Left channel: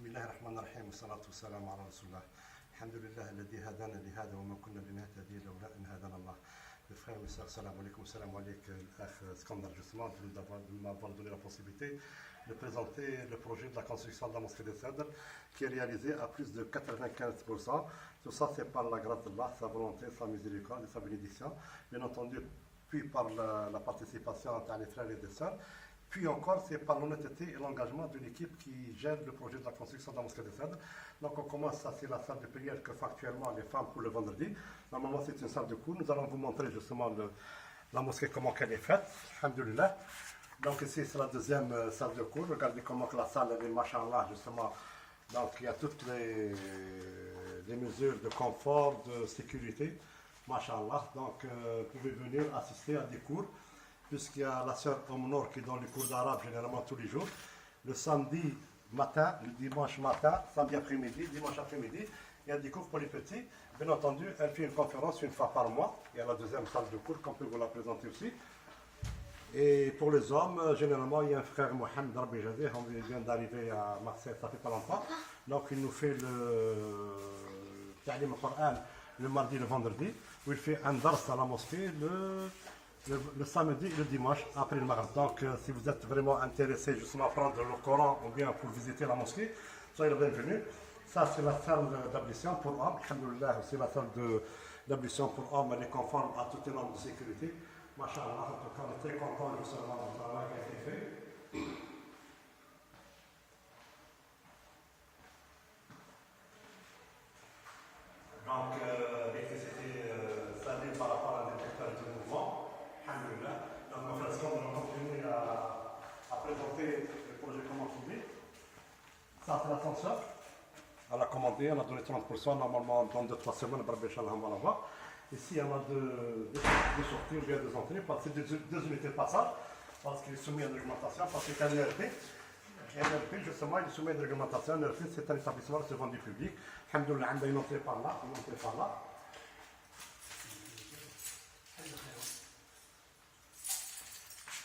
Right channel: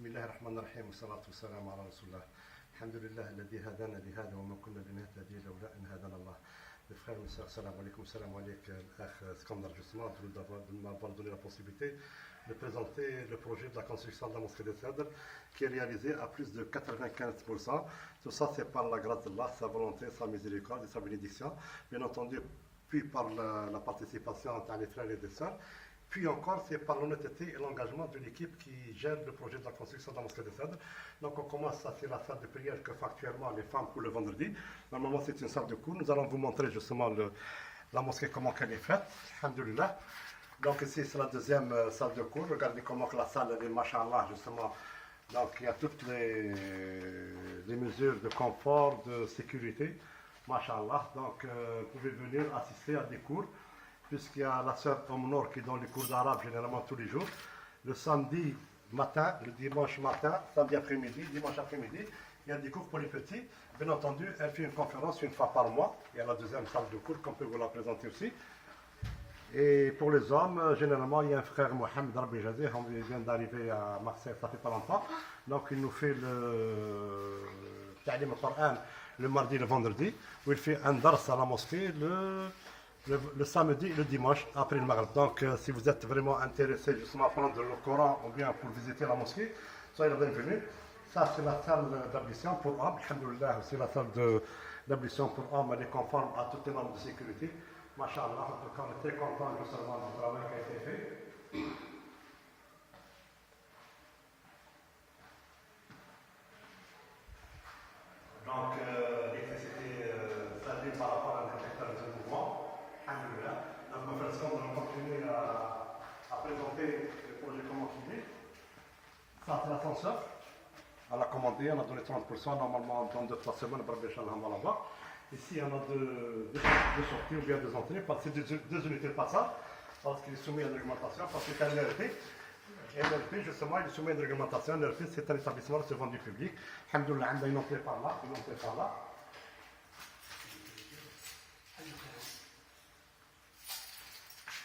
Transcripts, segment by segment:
بسم الله الرحمن الرحيم والصلاة والسلام على رسول الله. الحمد لله الذي هدانا لهذا وما كنا لنهتدي لولا أن هدانا الله. Mes frères et mes sœurs, salam alaikum, Skandar, justement, de m'avoir donné la possibilité de présenter le projet de la construction de la mosquée de Cèdre qui est réalisé à plus de 95%. Tout ça, c'est par la grâce d'Allah, sa volonté, sa miséricorde et sa bénédiction. Bien entendu, puis par la participation des frères et des sœurs. Puis encore, c'est par l'honnêteté et l'engagement de l'équipe qui gère le projet de la construction de la mosquée de Cèdre. Donc on commence, ça c'est la salle de prière que font actuellement les femmes pour le vendredi. Normalement c'est une salle de cours. Nous allons vous montrer justement la mosquée, comment elle est faite. Alhamdulillah. Donc ici c'est la deuxième salle de cours. Regardez comment la salle elle est, machallah, justement. Donc il y a toutes les mesures de confort, de sécurité. Machallah. Donc vous pouvez venir assister à des cours. Puisqu'il y a la sœur Omnor qui donne les cours d'arabe généralement tous les jours. Le samedi matin, le dimanche matin, samedi après-midi, dimanche après-midi, il y a des cours pour les petits. Bien entendu, elle fait une conférence une fois par mois. Il y a la deuxième salle de cours qu'on peut vous la présenter aussi. Et pour les hommes, généralement, il y a un frère Mohamed Rabbi Jadeh, on vient d'arriver à Marseille, ça fait pas longtemps. Donc il nous fait le Ta'lim al-Qur'an le mardi et le vendredi, où il fait un dars à la mosquée le samedi et le dimanche après le Maghreb. Donc si vous êtes vraiment intéressé justement à prendre le Coran ou bien pour visiter la mosquée, soyez le bienvenu. Ça c'est la salle d'ablution pour hommes. Alhamdulillah, c'est la salle d'ablution pour hommes, elle est conforme à toutes les normes de sécurité. Masha'Allah, en tout cas on est très content de recevoir le travail qui a été fait. Donc l'électricité s'allume par rapport à un détecteur de mouvement. Donc, ma frère Skandar, on va continuer à présenter le projet comment il est. Ça, c'est l'ascenseur. Elle a commandé, on a donné 30%. Normalement, dans 2-3 semaines, on va l'avoir. Ici, on a deux sorties ou bien deux entrées. C'est deux unités de passage. Parce qu'il est soumis à une réglementation. Parce que c'est un ERP. NRP, justement, il est soumis à une réglementation. NRP, c'est un établissement de vente du public. Alhamdoulilah, on a une entrée par là, une entrée par là.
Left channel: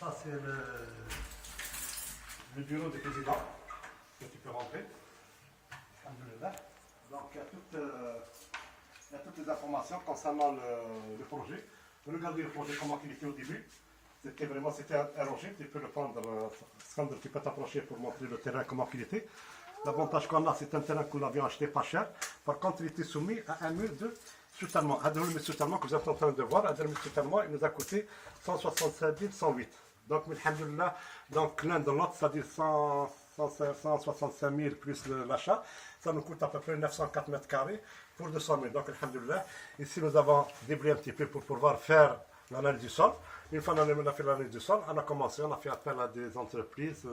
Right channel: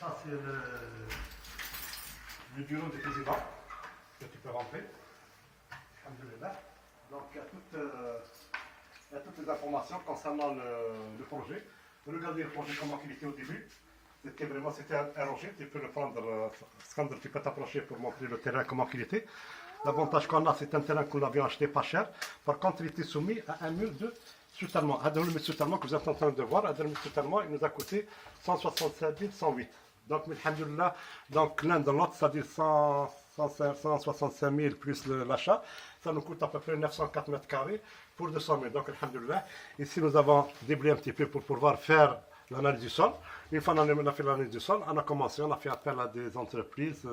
Ça, c'est le bureau du président que tu peux rentrer. Alhamdulillah. Donc, il y a toutes les informations concernant le projet. Vous regardez le projet, comment il était au début. C'était un rocher. Tu peux le prendre, Skandar, tu peux t'approcher pour montrer le terrain, comment il était. L'avantage qu'on a, c'est un terrain qu'on avait acheté pas cher. Par contre, il était soumis à un mur de soutènement. Un mur de soutènement que vous êtes en train de voir, un mur de soutènement, il nous a coûté 167 108. Donc, alhamdoulilah, donc l'un dans l'autre, c'est-à-dire 165 000 plus l'achat, ça nous coûte à peu près 904 mètres carrés pour 200 000. Donc, alhamdoulilah, ici nous avons déblayé un petit peu pour pouvoir faire l'analyse du sol. Une fois qu'on a fait l'analyse du sol, on a fait appel à des entreprises,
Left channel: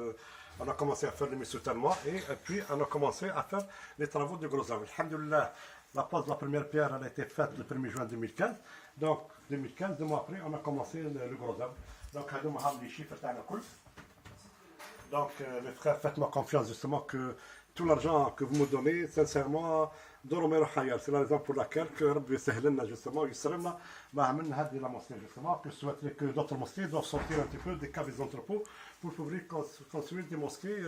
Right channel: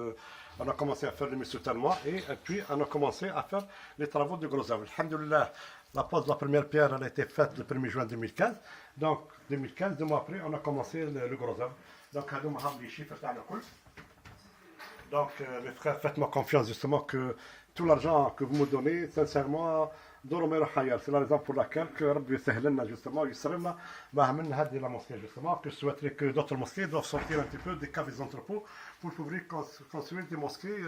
on a commencé à faire des soutènements et puis on a commencé à faire les travaux de gros œuvres. Alhamdoulilah, la pose de la première pierre elle a été faite le 1er juin 2015. Donc, 2015, 2 mois après, on a commencé le gros œuvre. Donc, les chiffres donc mes frères, faites-moi confiance justement que tout l'argent que vous me donnez, sincèrement, c'est la raison pour laquelle que Rabbi Sahlana justement, la mosquée justement, que je souhaiterais que d'autres mosquées doivent sortir un petit peu des caves et des entrepôts pour pouvoir construire des mosquées.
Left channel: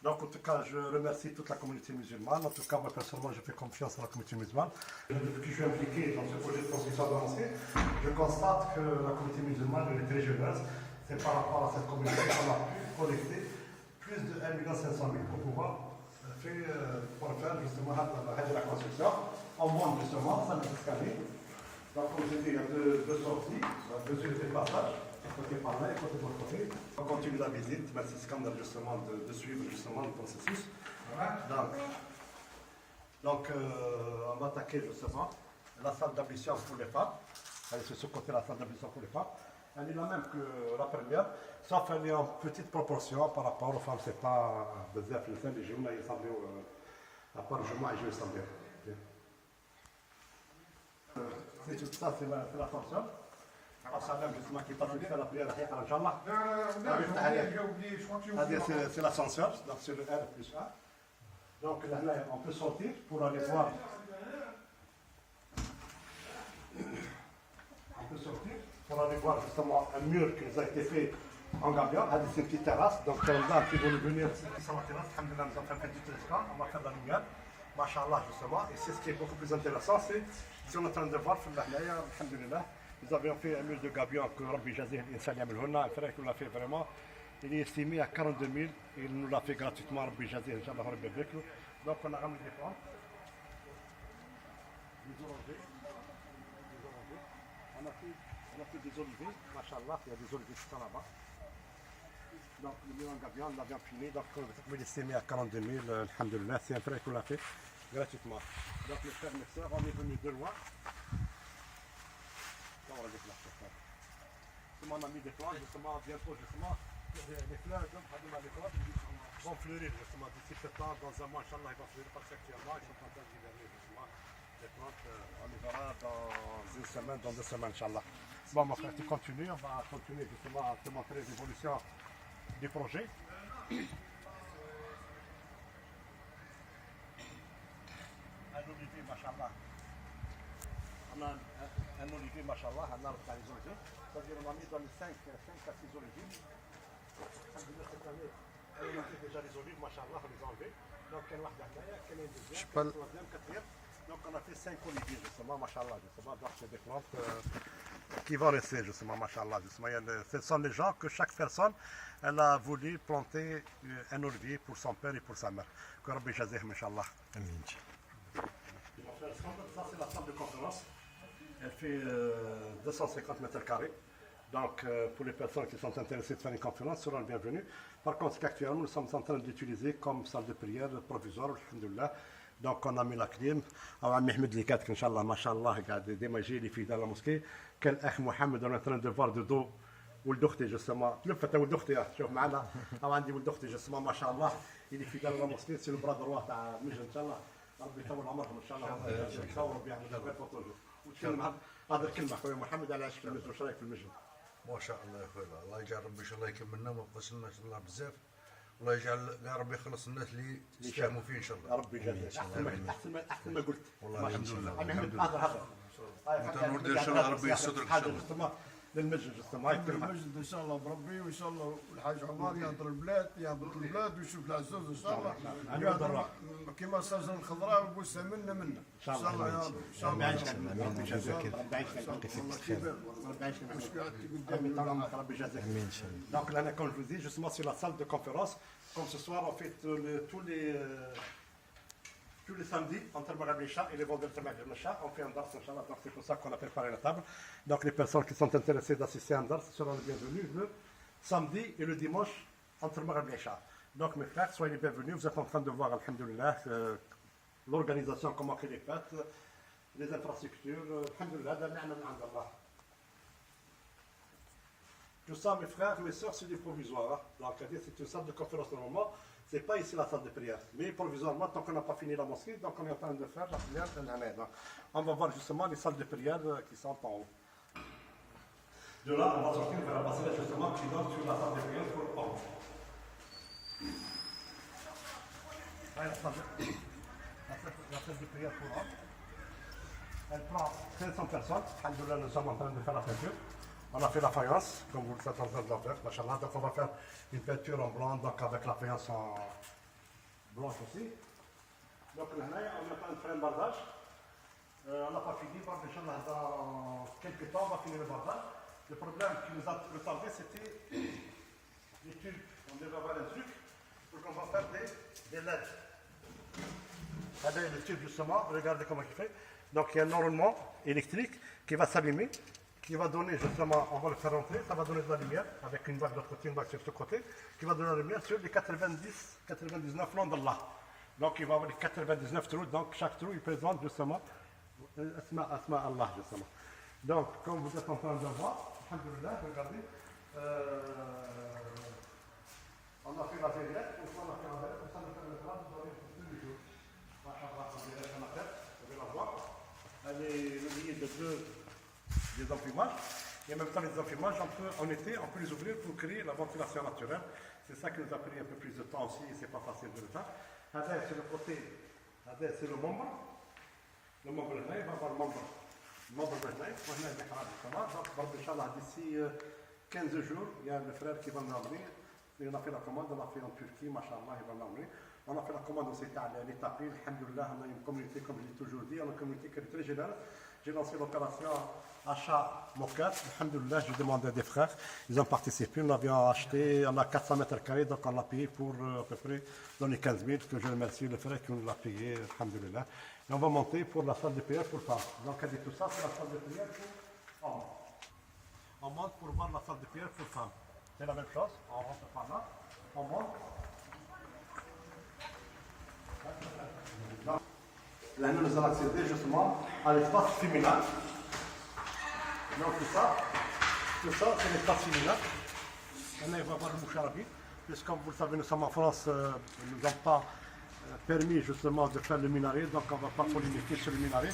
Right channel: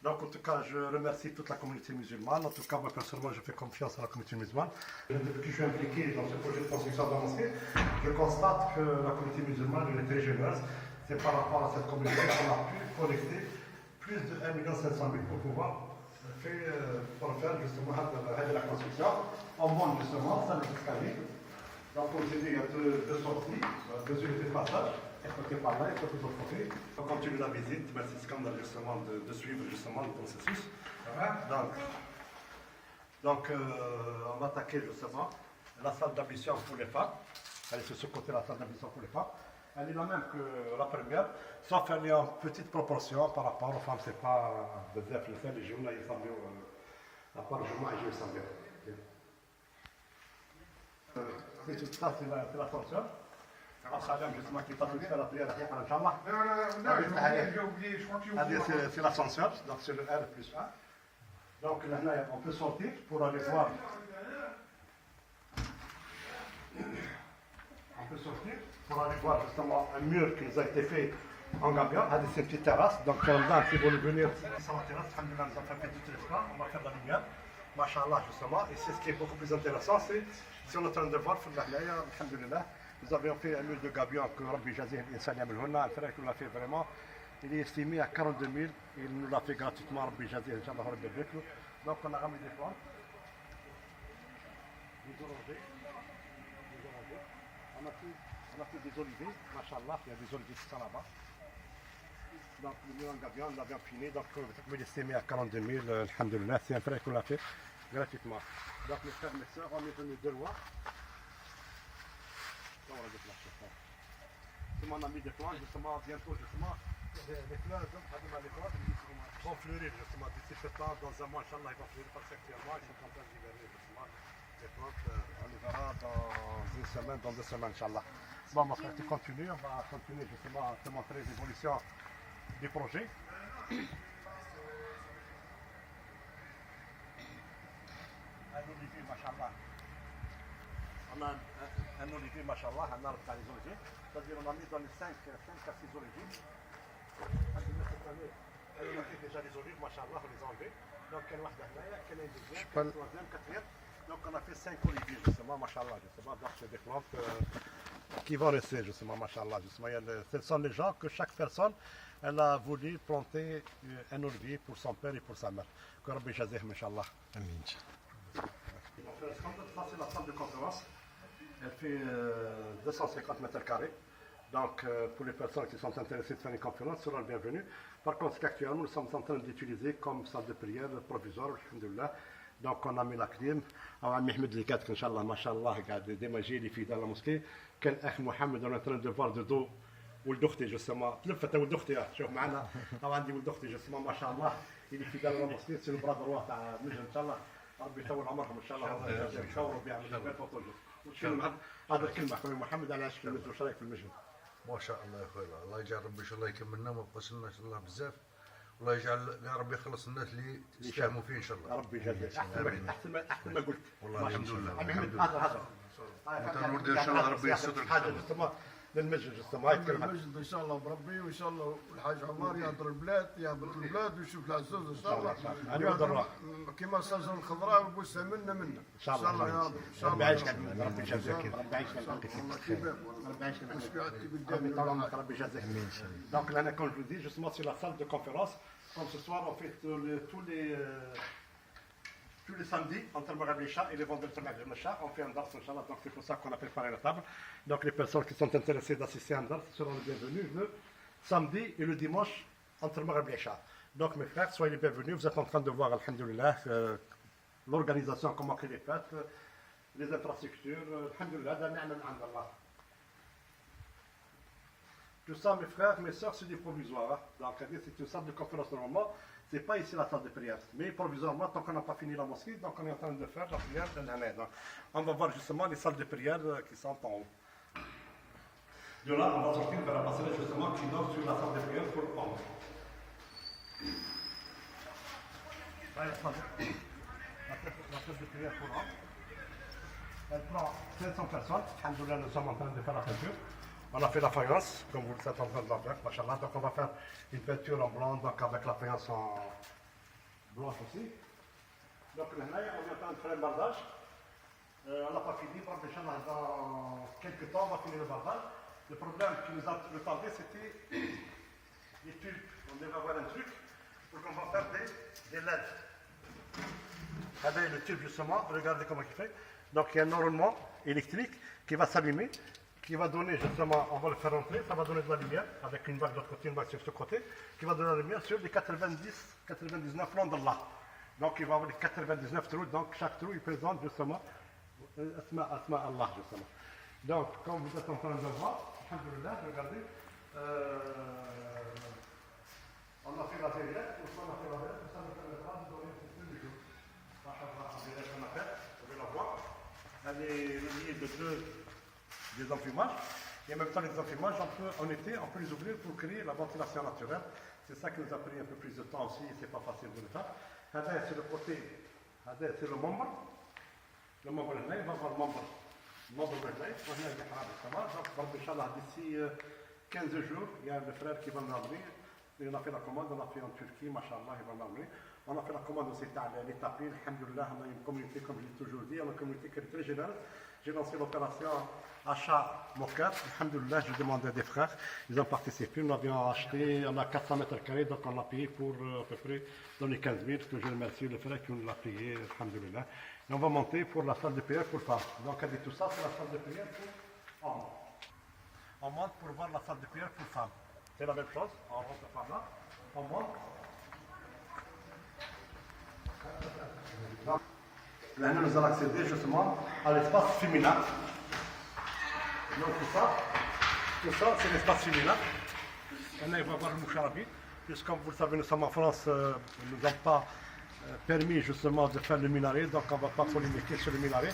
Donc en tout cas, je remercie toute la communauté musulmane. En tout cas, moi personnellement, je fais confiance à la communauté musulmane. Depuis que je suis impliqué dans ce projet de construction de la mosquée, je constate que la communauté musulmane est très généreuse. C'est par rapport à cette communauté qu'on a pu collecter plus de 1 500 000 pour pouvoir faire justement la construction. En moins justement, ça nous escalier. Donc comme je dis, il y a deux sorties, deux unités de passage. Un côté par là, un côté de l'autre côté. On continue la visite. Merci Skandar justement de suivre justement le processus. Donc on va attaquer justement la salle d'ablution pour les femmes. Elle est sur ce côté la salle d'ablution pour les femmes. Elle est la même que la première, sauf qu'elle est en petite proportion par rapport aux femmes. C'est pas بزاف les جملة يصليوا à part الجمعة يجوا يصليوا. Ça c'est l'ascenseur. C'est l'ascenseur, donc c'est le R+1. Donc là, on peut sortir pour aller voir. On peut sortir pour aller voir justement un mur qui nous a été fait en gabion. C'est une petite terrasse. Donc, les gens qui vont venir sur la terrasse, alhamdoulilah, nous avons fait du télescope. On va faire de la lumière. Masha'Allah, justement. Et c'est ce qui est beaucoup plus intéressant. C'est si on est en train de voir, alhamdoulilah, nous avions fait un mur de gabion que Rabbi Jazih l'Insan Yamelhouna. Un frère qui nous l'a fait vraiment. Il est estimé à 42 000. Il nous l'a fait gratuitement, Rabbi Jazih, Inch'Allah, Rabbi Beklo. Donc, on a ramené des plantes. Des orangers. On a fait des oliviers, machallah, il y a des oliviers qui sont là-bas. Donc, le mur en gabion, on l'avait imprimé, donc il est estimé à 42 000, alhamdoulilah, c'est un frère qui l'a fait gratuitement. Donc, mes frères, mes soeurs, on est venus de loin. On a mis des plantes, justement, bientôt, justement, les fleurs, les fleurs vont fleurir, justement, d'ici peu de temps, dans un mois, inchallah, ils vont fleurir parce qu'actuellement, ils sont en train d'hiverner, justement. Les plantes, on les verra dans une semaine, dans 2 semaines, Inch'Allah. Bon, mon frère, tu continues, on va continuer justement à te montrer l'évolution du projet. Un olivier, machallah. On a un olivier, machallah, un arbre dans les oliviers. C'est-à-dire, on a mis dans les 5 à 6 oliviers. Cette année, on a fait déjà les olives, machallah, on les a enlevés. Donc, il y en a une deuxième, une troisième, quatrième. Donc on a fait 5 oliviers justement, machallah, justement, donc c'est des plantes qui vont rester justement, machallah, justement. Ce sont les gens que chaque personne, elle a voulu planter un olivier pour son père et pour sa mère. Que Rabbi Jazih, machallah. Amin. Ça c'est la salle de conférence. Elle fait 250 mètres carrés. Donc pour les personnes qui sont intéressées de faire une conférence, seront les bienvenus. Par contre, actuellement, nous sommes en train d'utiliser comme salle de prière provisoire, alhamdoulilah. Donc on a mis la clim. Alors Mehmed اللي كاتك ان شاء الله ما شاء الله قاعد ديما جاي لي في دار المسكي كان الاخ محمد انا ترند دو فار دو ولد اختي جسما تلفت ولد اختي شوف معنا او عندي ولد اختي جسما ما شاء الله اللي في دار المسكي سي البرادر واه تاع مجد ان شاء الله ربي يطول عمرهم ان شاء الله ربي يعمل خير فطول هذا الكلمه اخوي محمد على عشق المجد وش رايك في المجد؟ ما شاء الله يا اخوي الله يجعل ربي ان شاء الله يكملنا وما يبقاش لنا ان شاء الله بزاف الله يجعل يا رب يخلص الناس اللي يستهموا فيه ان شاء الله. ربي يجزاك احسن ما قلت. والله الحمد لله. هذا نريد ان شاء الله ربي يستر حاجه للمسجد المسجد ان شاء الله بربي وان شاء الله الحاج عمر يهضر البلاد يهبط البلاد ويشوف العزوز ان شاء الله يهضر كما الشجره الخضراء وبوسها منا ان شاء الله يا رب ان شاء الله ربي يجزاك ربي يجزاك ربي يجزاك. Donc là, comme je vous dis, justement sur la salle de conférence, comme ce soir on fait tous les samedis entre Maghreb et Isha et les vendredis Maghreb et Isha, on fait un dars, Inch'Allah, donc c'est pour ça qu'on a préparé la table. Donc les personnes qui sont intéressées d'assister à un dars seront les bienvenus le samedi et le dimanche entre Maghreb et Isha. Donc mes frères, soyez les bienvenus, vous êtes en train de voir, alhamdoulilah, l'organisation, comment elle est faite, les infrastructures, alhamdoulilah, da ni'ma min 'ind Allah. Tout ça, mes frères, mes soeurs, c'est des provisoires. Donc, c'est une salle de conférence normalement. Ce n'est pas ici la salle de prière. Mais provisoirement, tant qu'on n'a pas fini la mosquée, donc on est en train de faire la prière de l'année. On va voir justement les salles de prière qui sont en haut. De là, on va sortir vers la passerelle justement qui donne sur la salle de prière pour le haut. Voilà la salle de prière pour le haut. Elle prend 500 personnes. Alhamdoulilah, nous sommes en train de faire la peinture. On a fait la faïence, comme vous êtes en train de la faire, machallah. Donc on va faire une peinture en blanc, donc avec la faïence en blanche aussi. Donc là, on est en train de faire un bardage. On n'a pas fini, Inch'Allah, dans quelques temps, on va finir le bardage. Le problème qui nous a retardé, c'était les tubes. On devait avoir un truc pour qu'on va faire des LED. Regardez le tube justement, regardez comment il fait. Donc il y a un enroulement électrique qui va s'allumer, qui va donner justement, on va le faire entrer, ça va donner de la lumière, avec une vague de l'autre côté, une vague sur ce côté, qui va donner de la lumière sur les 99 noms d'Allah. Donc il va avoir les 99 trous, donc chaque trou il présente justement Asma Allah justement. Donc comme vous êtes en train de le voir, alhamdoulilah, regardez, on a fait la verrière, on a fait la verrière, on a fait la verrière, vous pouvez la voir, elle est reliée de des emprimages, et en même temps les emprimages, en été, on peut les ouvrir pour créer la ventilation naturelle. C'est ça qui nous a pris un peu plus de temps aussi, c'est pas facile de le faire. C'est le côté, c'est le membre. Le membre là, il va avoir le membre là, on a le mihrab, donc Inch'Allah d'ici 15 jours, il y a le frère qui va me ramener. On a fait la commande, on a fait en Turquie, machallah, il va me ramener. On a fait la commande aussi à les tapis, alhamdoulilah, on a une communauté, comme je l'ai toujours dit, on a une communauté qui est très généreuse. J'ai lancé l'opération achat moquette, alhamdoulilah, je demandais à des frères, ils ont participé, on avait acheté, on a 400 mètres carrés, donc on l'a payé pour à peu près dans les 15 000, que je remercie le frère qui nous l'a payé, alhamdoulilah. Et on va monter pour la salle de prière pour femmes. Donc, elle dit tout ça, c'est la salle de prière pour hommes. On monte pour voir la salle de prière pour femmes. C'est la même chose, on rentre par là, on monte. Là, nous allons accéder justement à l'espace féminin. Donc tout ça, c'est l'espace féminin. Maintenant, il va voir le moucharabi. Puisque, comme vous le savez, nous sommes en France, nous n'avons pas permis justement de faire le minaret, donc on ne va pas se limiter sur le minaret.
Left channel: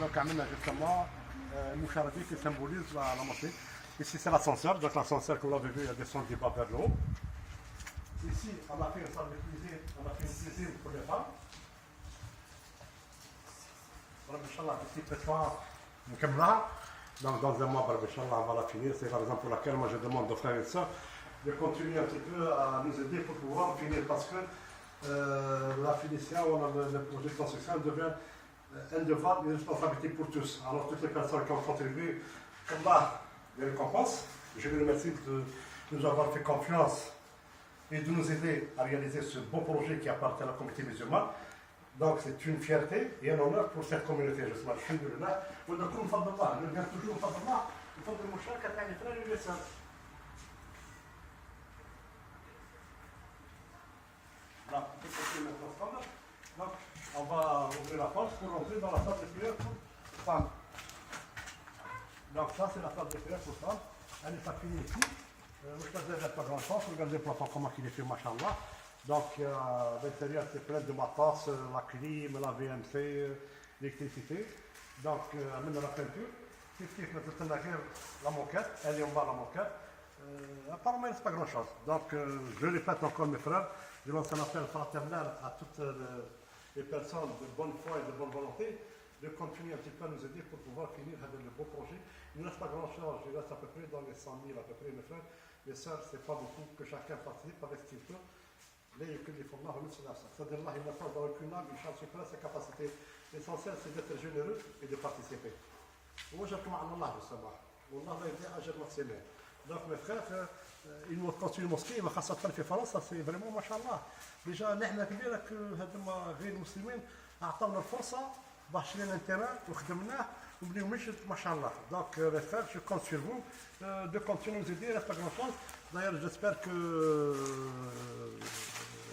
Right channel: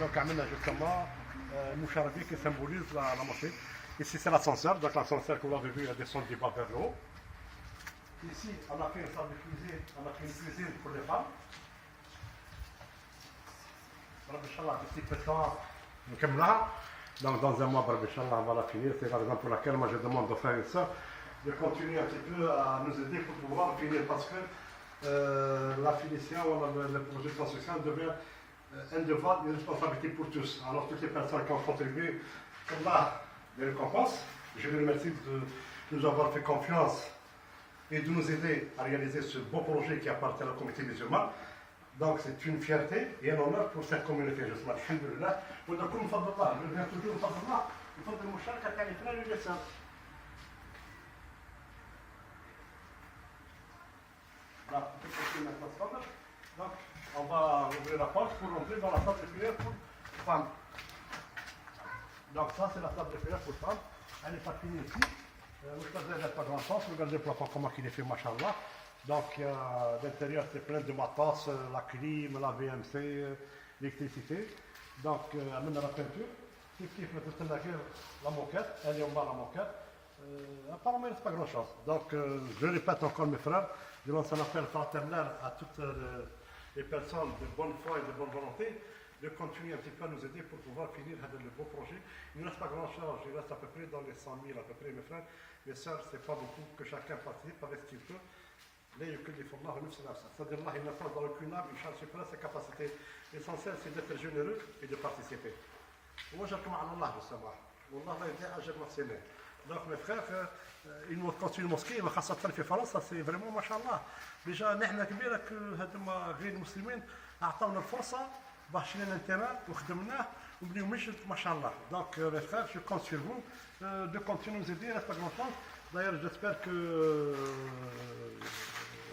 Donc, on a justement le moucharabi qui symbolise la mosquée. Ici, c'est l'ascenseur, donc l'ascenseur que vous l'avez vu, il descend du bas vers le haut. Ici, on a fait une salle de cuisine, on a fait une cuisine pour les femmes. Inch'Allah, d'ici peu de temps, nous sommes là. Donc, dans un mois, Inch'Allah, on va la finir. C'est la raison pour laquelle moi je demande aux frères et sœurs de continuer un petit peu à nous aider pour pouvoir finir, parce que la finition, le projet de construction devient un devoir, une responsabilité pour tous. Alors, toutes les personnes qui ont contribué, Allah les récompense. Je les remercie de nous avoir fait confiance et de nous aider à réaliser ce beau projet qui appartient à la communauté musulmane. Donc c'est une fierté et un honneur pour cette communauté, justement. Alhamdulillah. ونكون بفضل الله، je viens toujours بفضل الله، بفضل المشاركة تاع les frères et les sœurs. Voilà, on peut continuer maintenant. Donc, on va ouvrir la porte pour rentrer dans la salle de prière pour femmes. Donc ça, c'est la salle de prière pour femmes. Elle n'est pas finie ici. Regardez, pas grand chose. Regardez le plafond, comment il est fait, machallah. Donc, l'intérieur, c'est plein de matos, la clim, la VMC, l'électricité. Donc, elle met la peinture. La moquette, elle est en bas, la moquette. Apparemment, il ne reste pas grand chose. Donc, je répète encore, mes frères, je lance un appel fraternel à toutes les personnes de bonne foi et de bonne volonté de continuer un petit peu à nous aider pour pouvoir finir le beau projet. Il ne reste pas grand chose, il reste à peu près dans les 100 000 à peu près, mes frères. Mes sœurs, c'est pas beaucoup, que chacun participe avec ce qu'il peut. C'est-à-dire, Allah, il n'a pas dans aucune âme, il cherche pas ses capacités. L'essentiel, c'est d'être généreux et de participer. Moi, j'attends à Allah, justement. Allah va aider à gérer ses mains. Donc, mes frères, ils nous construisent une mosquée, خاصة في فرنسا, c'est vraiment, machallah. Déjà, نحن كبيرة هذوما غير المسلمين أعطونا الفرصة باش شرينا التران وخدمناه وبنيو مشت ما شاء الله. Donc, les frères, je compte sur vous de continuer à nous aider, reste pas grand chose. D'ailleurs, j'espère que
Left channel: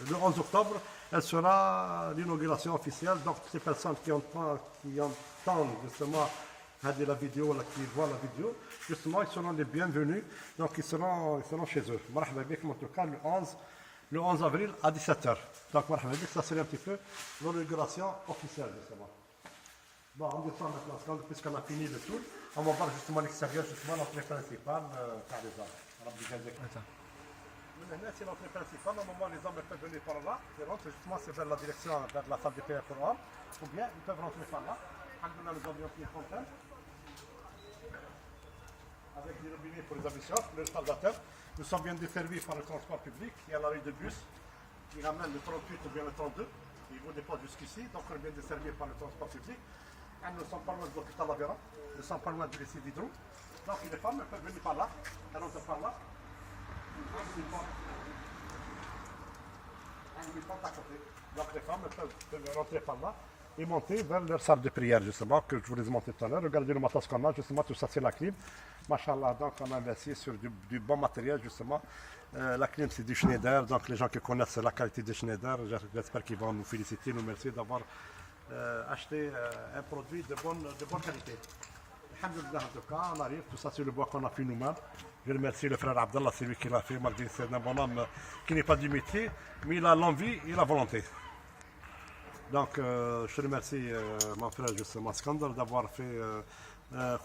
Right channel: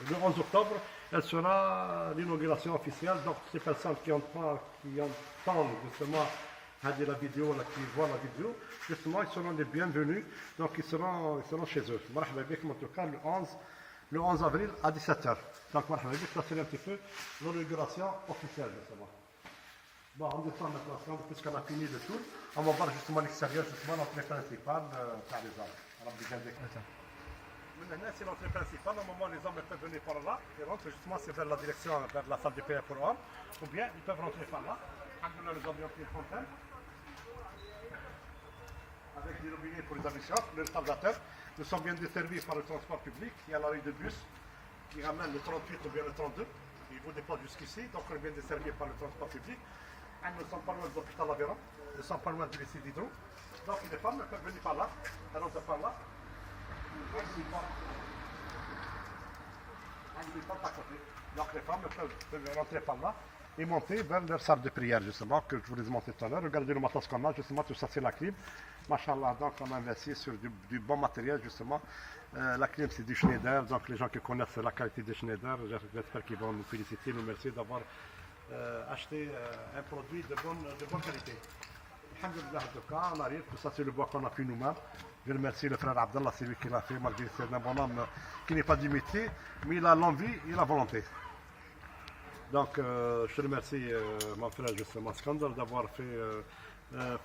le 11 octobre, elle sera l'inauguration officielle. Donc, ces personnes qui entendent justement la vidéo, qui voient la vidéo, justement, ils seront les bienvenus. Donc, ils seront chez eux. Marhaba bik, en tout cas, le 11 avril à 17h. Donc, marhaba bik, ça serait un petit peu l'inauguration officielle, justement. Bon, on descend maintenant, puisqu'on a fini le tour. On va voir justement l'extérieur, justement, l'entrée principale par les hommes. Maintenant, c'est l'entrée principale. Au moment où les hommes peuvent venir par là, ils rentrent justement, c'est vers la direction, vers la salle de prière pour hommes. Ou bien, ils peuvent rentrer par là. Nous avons une fontaine. Avec des robinets pour les habitations, les installateurs. Nous sommes bien desservis par le transport public. Il y a la rue de bus qui ramène le 38 ou bien le 32. Ils vous déposent jusqu'ici, donc on est bien desservis par le transport public. Et nous ne sommes pas loin de l'hôpital Aveyron, nous ne sommes pas loin du lycée d'Hydro. Donc les femmes peuvent venir par là, elles rentrent par là. Donc les femmes peuvent rentrer par là et monter vers leur salle de prière, justement, que je vous ai montré tout à l'heure. Regardez le matos qu'on a, justement, tout ça c'est la clim. Machallah, donc on a investi sur du bon matériel, justement. La clim c'est du Schneider, donc les gens qui connaissent la qualité de Schneider, j'espère qu'ils vont nous féliciter, nous remercier d'avoir acheté un produit de bonne qualité. Alhamdulillah, en tout cas, on arrive, tout ça c'est le bois qu'on a fait nous-mêmes. Je remercie le frère Abdallah, c'est lui qui l'a fait, malgré c'est un bon homme qui n'est pas du métier, mais il a l'envie et la volonté. Donc, je te remercie, mon frère, justement, Skandar, d'avoir fait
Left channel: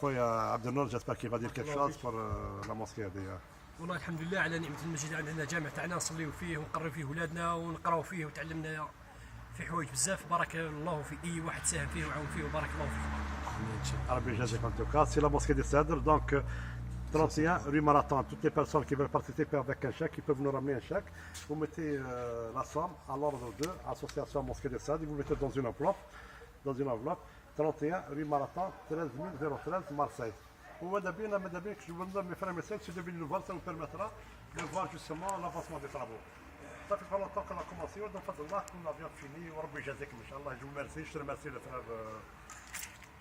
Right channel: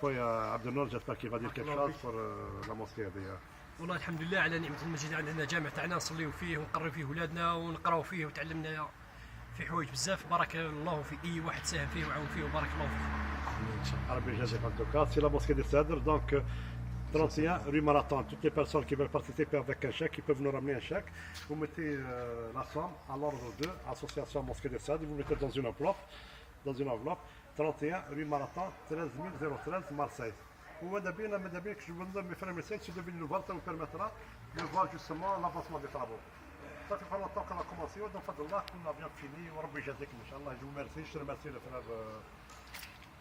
خويا عبد النور. J'espère qu'il va dire quelque chose pour la mosquée d'ailleurs. والله الحمد لله على نعمة المسجد. عندنا جامع تاعنا نصليو فيه ونقرب فيه ولادنا ونقراو فيه وتعلمنا في حوايج بزاف. بارك الله في اي واحد ساهم فيه وعاون فيه وبارك الله فيه. ربي يجازيك. En tout cas, c'est la mosquée de Sadr. Donc, 31 rue Marathon. Toutes les personnes qui veulent participer avec un chèque, ils peuvent nous ramener un chèque. Vous mettez la somme à l'ordre de Association Mosquée de Sade, vous mettez dans une enveloppe. 31 rue Marathon, 13013 Marseille. وماذا بينا كي نظن mes frères et sœurs, si de bonnes nouvelles, ça nous permettra de voir justement l'avancement des travaux. Ça fait pas longtemps qu'on a commencé, donc Fadlallah, qu'on a bien fini, وربي يجازيكم إن شاء الله. Je vous remercie, je remercie le frère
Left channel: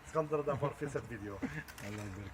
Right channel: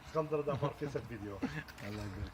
Skandar d'avoir fait cette vidéo. الله يبارك